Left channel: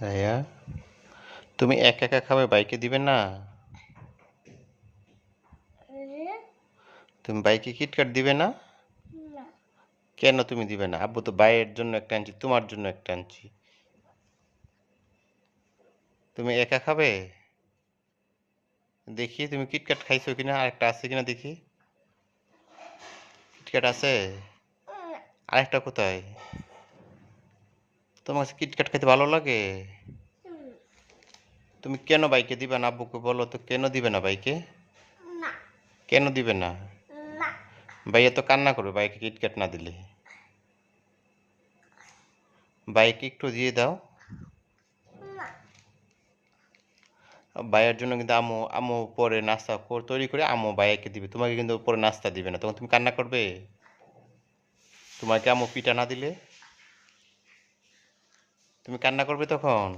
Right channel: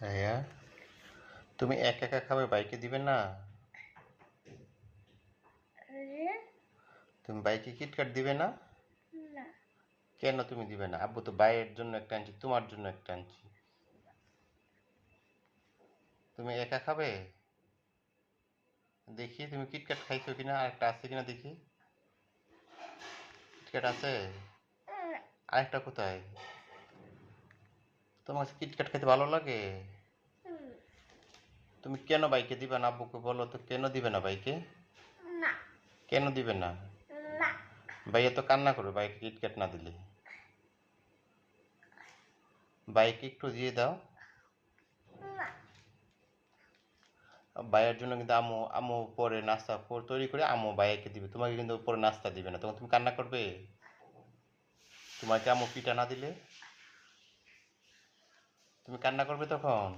ভাইয়া, তুমি একা একা খাবে, বাইকে দিবে না? তুমি বাইকে কিটক্যাট দিবে না? না। কেন তুমি দিবে না? আব্বু তো বাইয়ের জন্য একটা আনছি, তোমার জন্য একটা আনছি। তুমি একা খাবে? দেখি তুমি কিটক্যাট খাইছো কিনা, আরেকটা আছে কিনা দেখি। কিটক্যাট আছে? আরেকটা কোথায়? তোমার কাছে কিটক্যাট খেতে ভালো লাগে? তুমি কেন বাইকে দিবে না? আব্বুকে বলো তো, কেন দিবে না বাইকে? না। কেন দিবে না? না। ভাইয়া তো কান্না করবে বাইকে কিটক্যাট না দিলে। বাইকে একটু দিয়ে দাও। না। ভাইয়ের জন্য কিন্তু আম্মু আম্মু পরে নাস্তা তৈরি করে আম্মু ভাইয়াকে দিবে, তোমাকে কিন্তু পরে নাস্তা দিবে না, তখন তুমি কান্না করবে? তোমাকে আম্মু পিঠা না দিলে তুমি কান্না করবে তখন?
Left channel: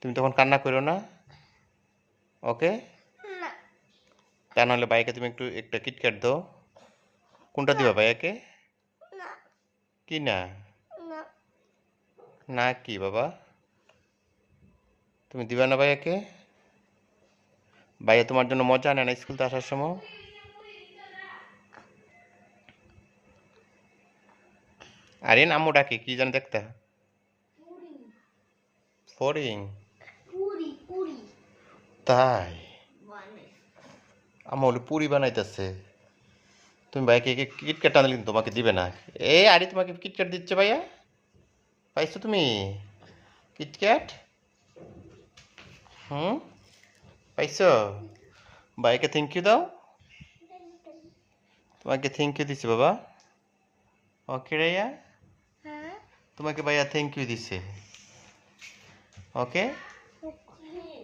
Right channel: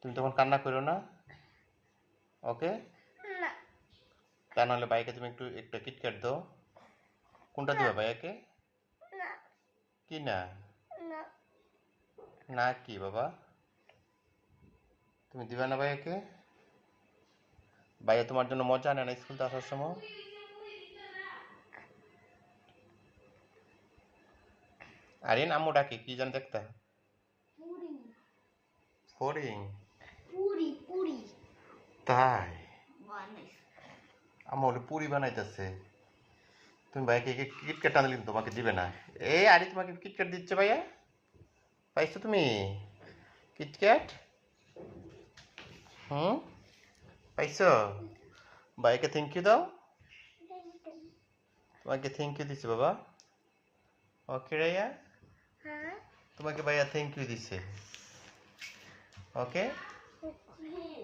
তুমি তখন কান্না করো না? ওকে। না। তা নাহলে ভাইয়াকে তুমি একটু একটা কিটক্যাট দাও। কোনটা না। দিবা ভাইয়াকে? না। কি না? না। না কি বাবা? তুমি দিবা না ভাইয়াকে? ভাইয়া তোমার জন্য মজা আনে না স্কুল থেকে আসার সময়? আরে আম্মু ডাকে কি জানি দেখতা? ফড়িং? পুরি পুরি তাই? বানাইছে। আম্মু হলে পুরি বানাইতেছে। তুমি ভাইকে কিটক্যাট আনলে কিন্তু তোমাকে দিবে না। এই আরে তোমাকে কিটক্যাট দিচ্ছে ভাইয়া, পাইছো তুমি কিটক্যাট? হুম, পাইছো? ভাইকে থ্যাংক ইউ দাও। তোমাকে থ্যাংক ইউ দিছে বাবা। ওকে রাইয়া, হ্যাঁ। তোমাকে ভাইয়া থ্যাংক ইউ দিছে। ওকে। ওকে।